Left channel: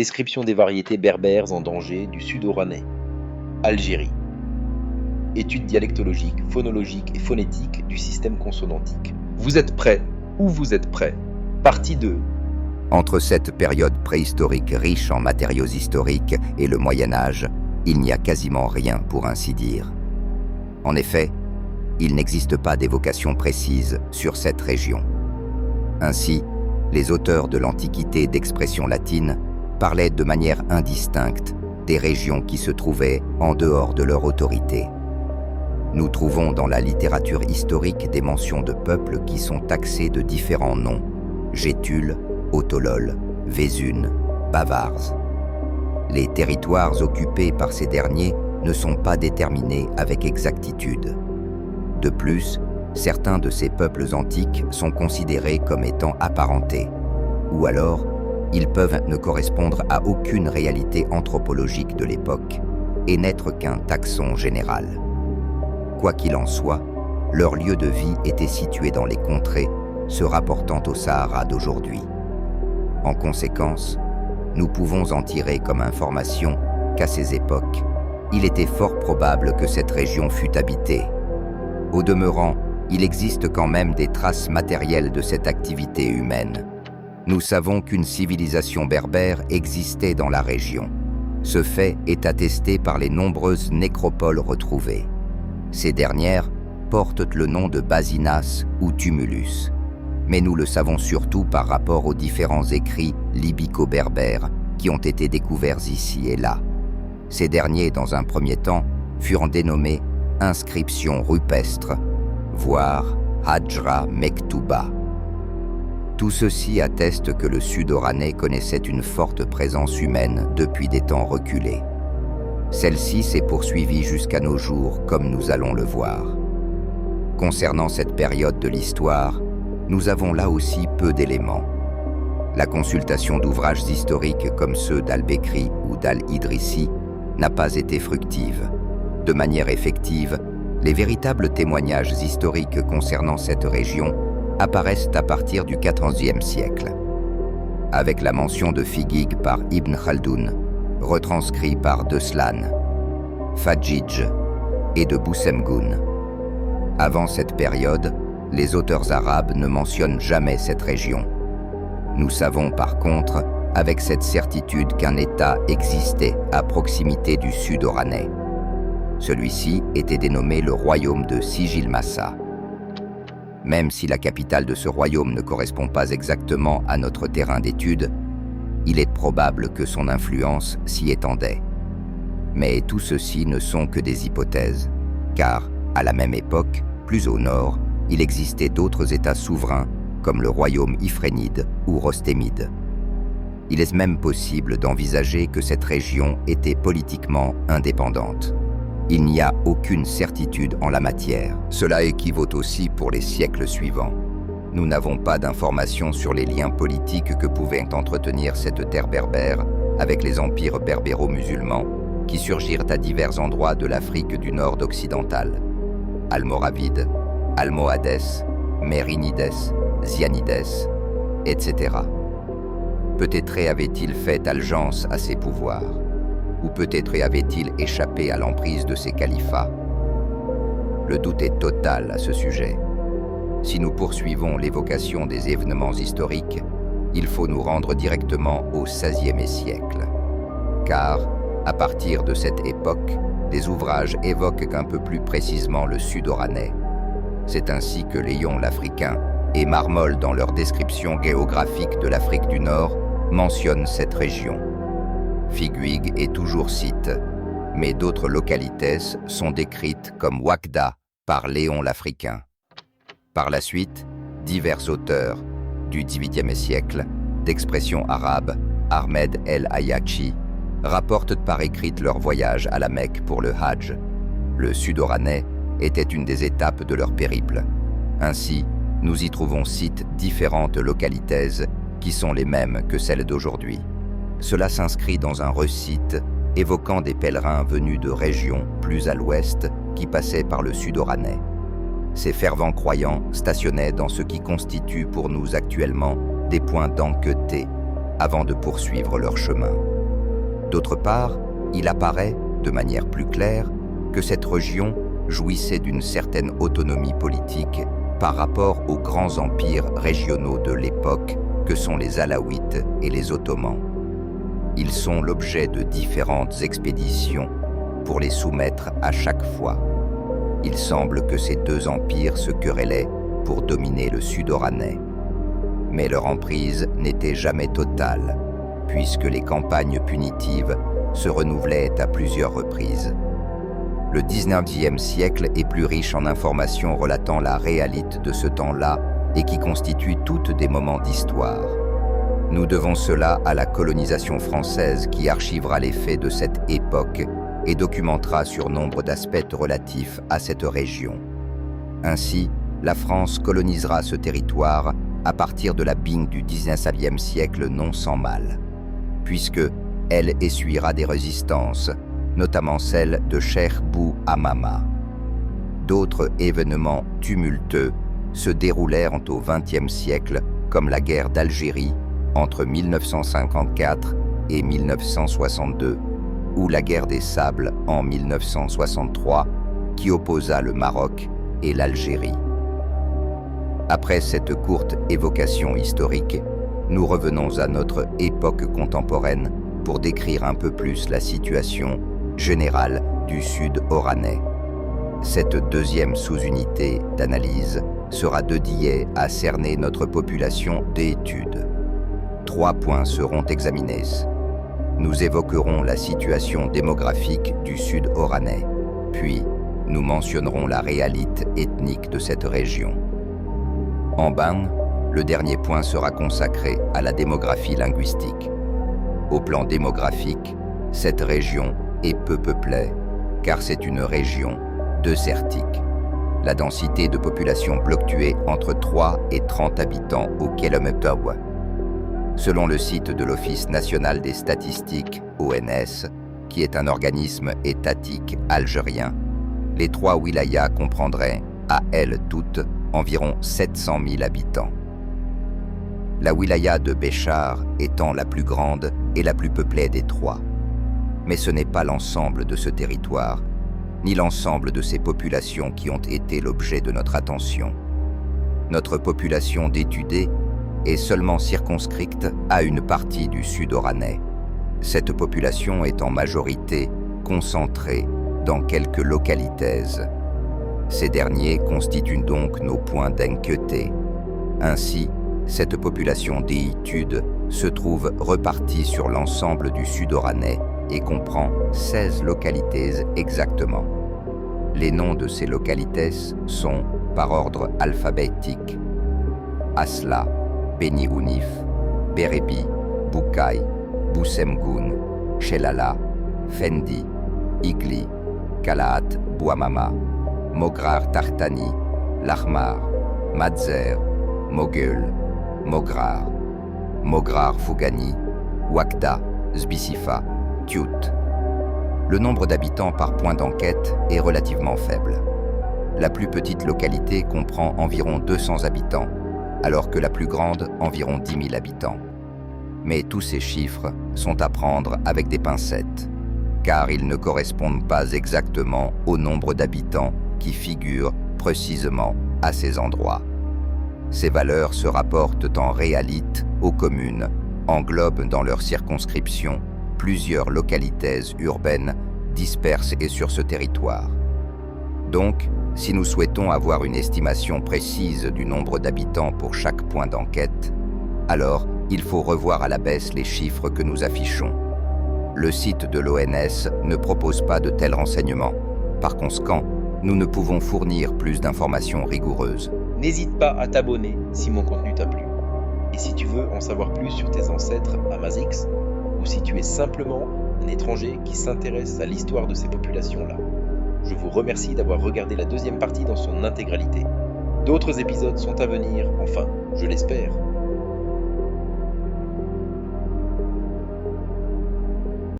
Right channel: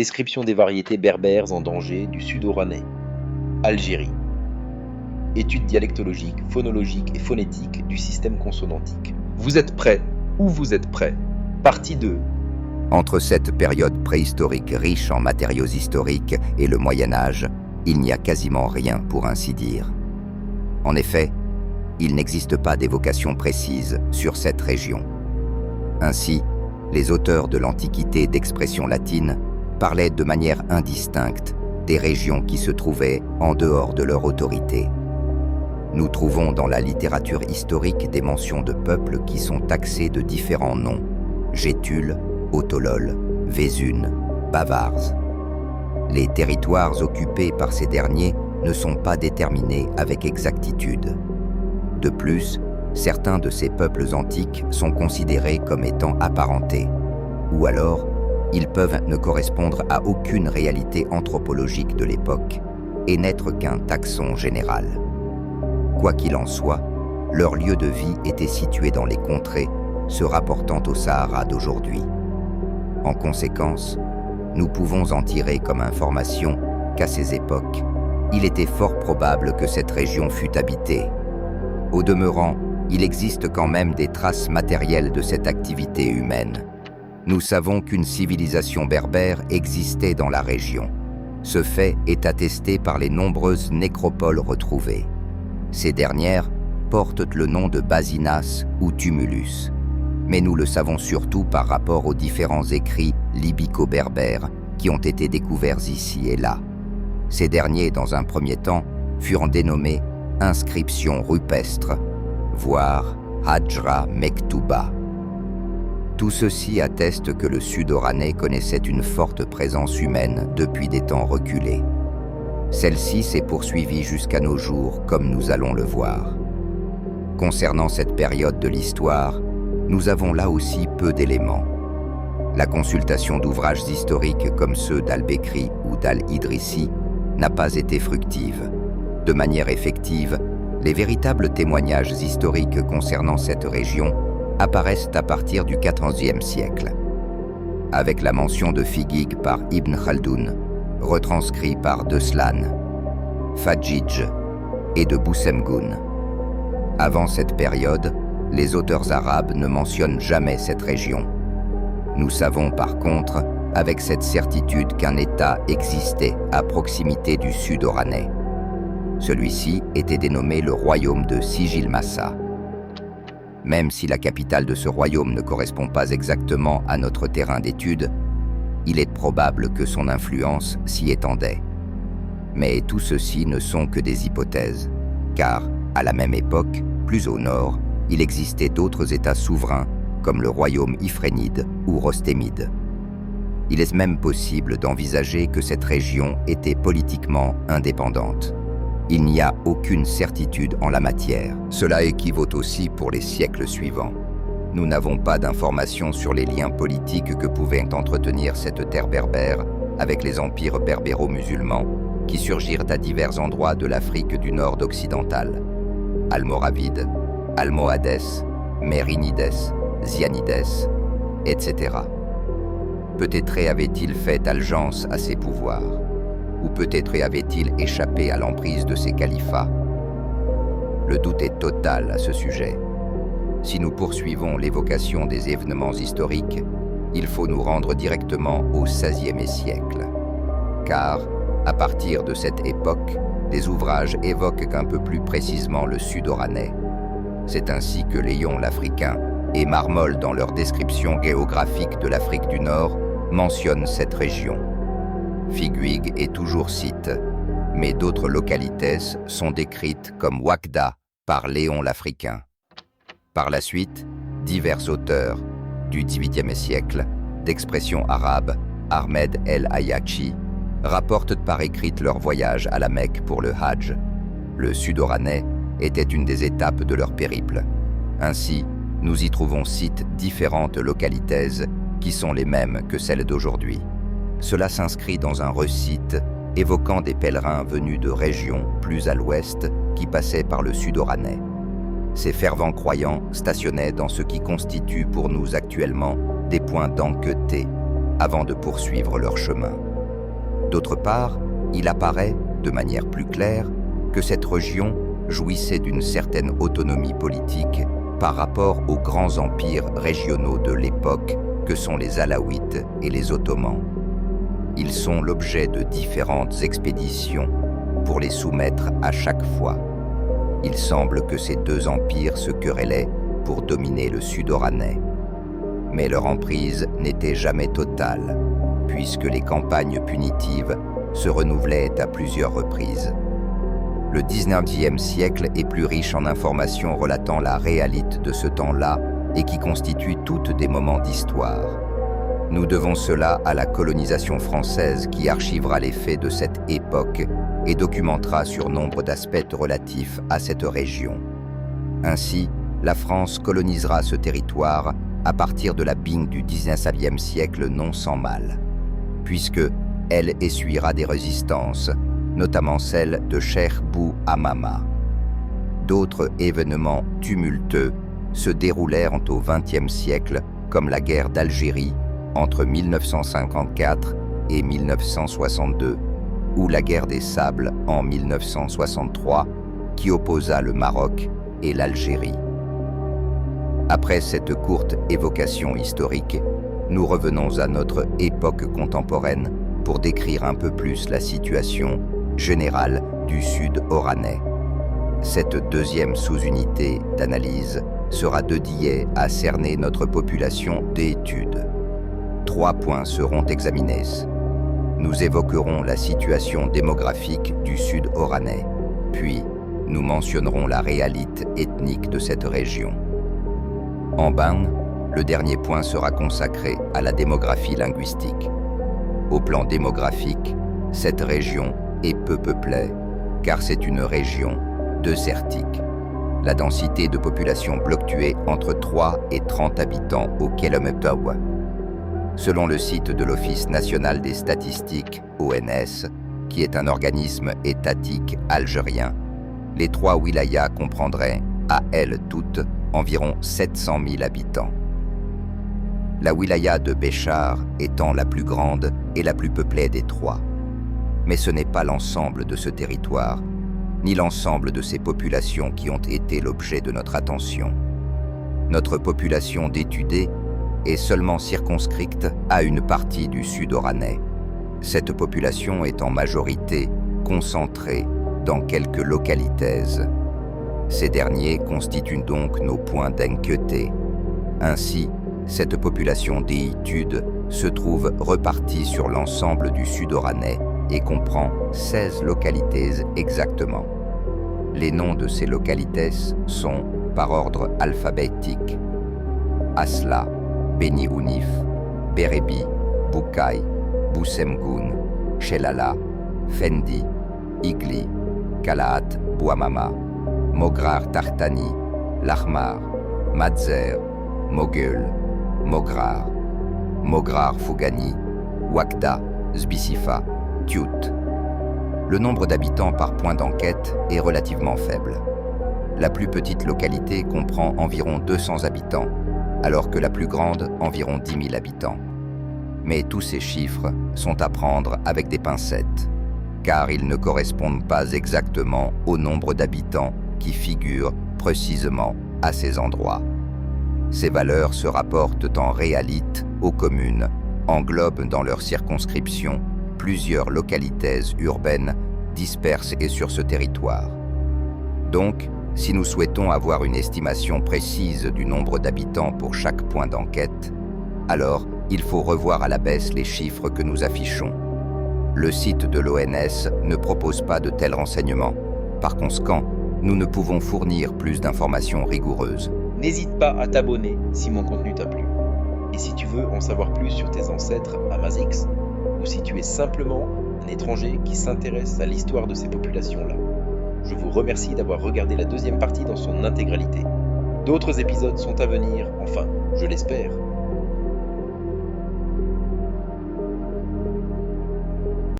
Description des variétés berbères en danger du sud-oranais. Algérie. Étude dialectologique, phonologique et phonétique du système consonantique. Vous êtes prêts ou vous êtes prêts? Partie 2. Entre cette période préhistorique riche en matériaux historiques et le Moyen-Âge, il n'y a quasiment rien pour ainsi dire. En effet, il n'existe pas d'évocation précise sur cette région. Ainsi, les auteurs de l'Antiquité d'expression latine parlaient de manière indistincte des régions qui se trouvaient en dehors de leur autorité. Nous trouvons dans la littérature historique des mentions de peuples qui sont taxés de différents noms: Gétules, Autolol, Vésunes, Bavars. Les territoires occupés par ces derniers ne sont pas déterminés avec exactitude. De plus, certains de ces peuples antiques sont considérés comme étant apparentés, ou alors ils peuvent ne correspondre à aucune réalité anthropologique de l'époque et n'être qu'un taxon général. Quoi qu'il en soit, leur lieu de vie était situé dans les contrées se rapportant au Sahara d'aujourd'hui. En conséquence, nous pouvons en tirer comme information qu'à ces époques, il était fort probable que cette région fût habitée. Au demeurant, il existe quand même des traces matérielles de cette activité humaine. Nous savons qu'une civilisation berbère existait dans la région. Ce fait est attesté par les nombreuses nécropoles retrouvées. Ces dernières portent le nom de Basinas ou Tumulus. Mais nous le savons surtout par rapport aux différents écrits libyco-berbères qui ont été découverts ici et là. Ces derniers, dans un premier temps, furent dénommés inscriptions rupestres, voire Hajra Mektouba. Tout ceci atteste que le sud-oranais connaissait une forte présence humaine depuis des temps reculés. Celle-ci s'est poursuivie jusqu'à nos jours, comme nous allons le voir. Concernant cette période de l'histoire, nous avons là aussi peu d'éléments. La consultation d'ouvrages historiques comme ceux d'Al-Bekri ou d'Al-Idrissi n'a pas été fructive. De manière effective, les véritables témoignages historiques concernant cette région apparaissent à partir du XIVe siècle, avec la mention de Figig par Ibn Khaldoun, retranscrit par Deslan, Fadjidj et de Boussemgoun. Avant cette période, les auteurs arabes ne mentionnent jamais cette région. Nous savons par contre, avec cette certitude, qu'un État existait à proximité du sud-oranais. Celui-ci était dénommé le royaume de Sijilmassa. Même si la capitale de ce royaume ne correspond pas exactement à notre terrain d'étude, il est probable que son influence s'y étendait. Mais tout ceci ne sont que des hypothèses, car, à la même époque, plus au nord, il existait d'autres États souverains, comme le royaume Ifrénide ou Rostémide. Il est même possible d'envisager que cette région était politiquement indépendante. Il n'y a aucune certitude en la matière. Cela équivaut aussi pour les siècles suivants. Nous n'avons pas d'informations sur les liens politiques que pouvait entretenir cette terre berbère avec les empires berbéro-musulmans qui surgirent à divers endroits de l'Afrique du Nord occidentale. Almoravides, Almohades, Mérinides, Zianides, etc. Peut-être avait-il fait allégeance à ces pouvoirs, ou peut-être avait-il échappé à l'emprise de ces califats. Le doute est total à ce sujet. Si nous poursuivons l'évocation des événements historiques, il faut nous rendre directement au XVIe siècle. Car, à partir de cette époque, des ouvrages évoquent un peu plus précisément le sud-oranais. C'est ainsi que Léon l'Africain et Marmol, dans leur description géographique de l'Afrique du Nord, mentionnent cette région. Figuig est toujours cite, mais d'autres localités sont décrites comme Ouakda par Léon l'Africain. Par la suite, divers auteurs du XVIIIe siècle, d'expression arabe, Ahmed el-Ayachi, rapportent par écrit leur voyage à la Mecque pour le Hajj. Le sud-oranais était une des étapes de leur périple. Ainsi, nous y trouvons sites différentes localités qui sont les mêmes que celles d'aujourd'hui. Cela s'inscrit dans un recite évoquant des pèlerins venus de régions plus à l'ouest qui passaient par le sud-oranais. Ces fervents croyants stationnaient dans ce qui constitue pour nous actuellement des points d'Anqueté, avant de poursuivre leur chemin. D'autre part, il apparaît, de manière plus claire, que cette région jouissait d'une certaine autonomie politique par rapport aux grands empires régionaux de l'époque que sont les Alaouites et les Ottomans. Ils sont l'objet de différentes expéditions pour les soumettre à chaque fois. Il semble que ces deux empires se querellaient pour dominer le sud oranais. Mais leur emprise n'était jamais totale, puisque les campagnes punitives se renouvelaient à plusieurs reprises. Le 19e siècle est plus riche en informations relatant la réalité de ce temps-là et qui constituent toutes des moments d'histoire. Nous devons cela à la colonisation française qui archivera les faits de cette époque et documentera sur nombre d'aspects relatifs à cette région. Ainsi, la France colonisera ce territoire à partir de la Bing du 19e siècle non sans mal, puisque elle essuiera des résistances, notamment celle de Cheikh Bou Amama. D'autres événements tumultueux se déroulèrent au XXe siècle, comme la guerre d'Algérie entre 1954 et 1962, ou la guerre des Sables en 1963, qui opposa le Maroc et l'Algérie. Après cette courte évocation historique, nous revenons à notre époque contemporaine pour décrire un peu plus la situation générale du sud oranais. Cette deuxième sous-unité d'analyse sera dédiée à cerner notre population d'études. 3 points seront examinés. Nous évoquerons la situation démographique du sud oranais, puis nous mentionnerons la réalité ethnique de cette région. En bas, le dernier point sera consacré à la démographie linguistique. Au plan démographique, cette région est peu peuplée, car c'est une région désertique. La densité de population fluctuait entre 3 et 30 habitants au kilomètre. Selon le site de l'Office national des statistiques, ONS, qui est un organisme étatique algérien, les 3 wilayas comprendraient, à elles toutes, environ 700 000 habitants. La wilaya de Béchar étant la plus grande et la plus peuplée des 3. Mais ce n'est pas l'ensemble de ce territoire, ni l'ensemble de ces populations qui ont été l'objet de notre attention. Notre population d'étudiés est seulement circonscrite à une partie du sud oranais. Cette population est en majorité concentrée dans quelques localités. Ces derniers constituent donc nos points d'inquiétude. Ainsi, cette population d'études se trouve repartie sur l'ensemble du sud oranais et comprend 16 localités exactement. Les noms de ces localités sont par ordre alphabétique: Asla, Beni Ounif, Berebi, Boukaï, Boussemgoun, Chelala, Fendi, Igli, Kalaat, Bouamama, Mograr Tartani, Lahmar, Madzer, Mogul, Mograr, Mograr Fougani, Wakda, Zbisifa, Tiout. Le nombre d'habitants par point d'enquête est relativement faible. La plus petite localité comprend environ 200 habitants, alors que la plus grande environ 10 000 habitants. Mais tous ces chiffres sont à prendre avec des pincettes, car ils ne correspondent pas exactement au nombre d'habitants qui figurent précisément à ces endroits. Ces valeurs se rapportent en réalité aux communes, englobent dans leur circonscription plusieurs localités urbaines dispersées sur ce territoire. Donc, si nous souhaitons avoir une estimation précise du nombre d'habitants pour chaque point d'enquête, alors il faut revoir à la baisse les chiffres que nous affichons. Le site de l'ONS ne propose pas de tels renseignements. Par conséquent, nous ne pouvons fournir plus d'informations rigoureuses. N'hésite pas à t'abonner si mon contenu t'a plu. Et si tu veux en savoir plus sur tes ancêtres Amazigh, ou si tu es simplement un étranger qui s'intéresse à l'histoire de ces populations-là, je vous remercie d'avoir regardé la deuxième partie dans son intégralité. D'autres épisodes sont à venir, enfin, je l'espère.